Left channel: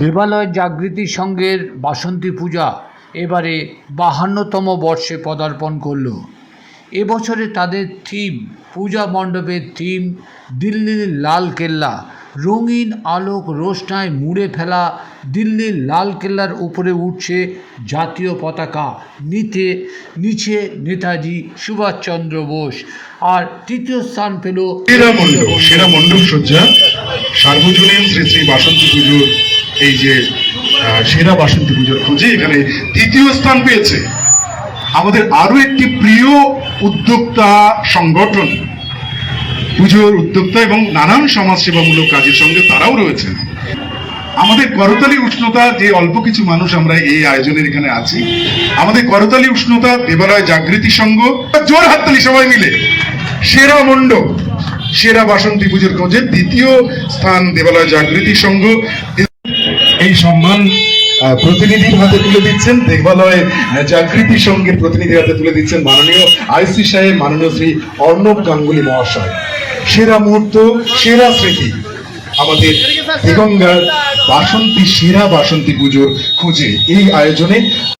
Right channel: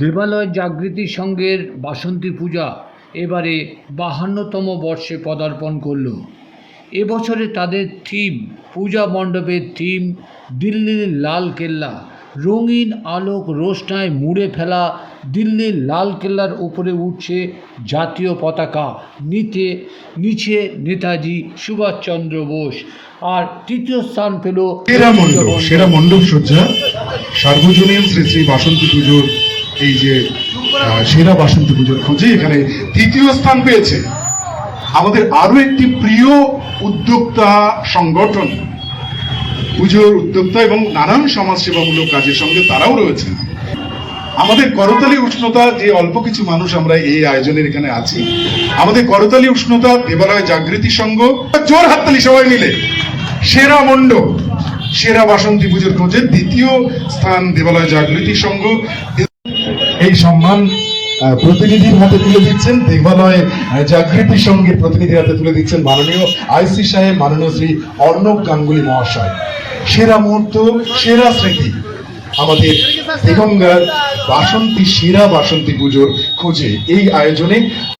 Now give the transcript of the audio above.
দেবালয় জাগৃতি সংঘের বাসন্তী পূজা এবারে 52তম বর্ষে পদার্পণ করল। এবছরে তাদের থিম, পূজা মণ্ডপের থিম দিল্লির লাল কেল্লা। রঙিন আলোক রোশনায় মুড়ে ফেলা দিল্লির লাল কেল্লার উপরে উঠছে জাতীয় পতাকা, নিচে নেতাজি সুভাষচন্দ্র বোস। আর তৃতীয় স্থান পেল সেরা মণ্ডপ সজ্জা সার্বজনীন শ্রী শ্রী বাসন্তী পুজোর এই যে সেরা বাসন্তী পুজোর খোঁজে এখানে তৃতীয় স্থান পেয়েছে আমাদের আরো একটি প্রিয় উদ্যোক্তা সংগঠন, পুজোর উদ্যোক্তা এবং নানান সমাজসেবামূলক কাজের সঙ্গে তারাও রয়েছেন। আমাদের করতালি উষ্ণতা, যে অল্প কিছু মানুষ আমরা এই আয়োজনের এখানে আছি, আমাদের করতালি উষ্ণতা দেবালয় জাগৃতি সংঘ, জোর হাততালি সবাই মিলে সেরা মণ্ডপ সেরা বাসন্তী পুজোর খোঁজে দ্বিতীয় স্থান দেবালয় জাগৃতি সংঘ। এই সম্মান প্রতিনিধির হাতে তুলে দিচ্ছেন, দেবালয় জাগৃতি সংঘের প্রতিনিধির হাতে তুলে দিচ্ছেন মাননীয় আইসি সাহেব, মাননীয় শ্রী অর্ণব গাঙ্গুলি মহাশয়। সেরা মুহূর্ত, সেরা স্মৃতি আমাদের দিগঙ্গার বাসন্তী সেরা বাসন্তী পুজোর খোঁজে এই আয়োজনে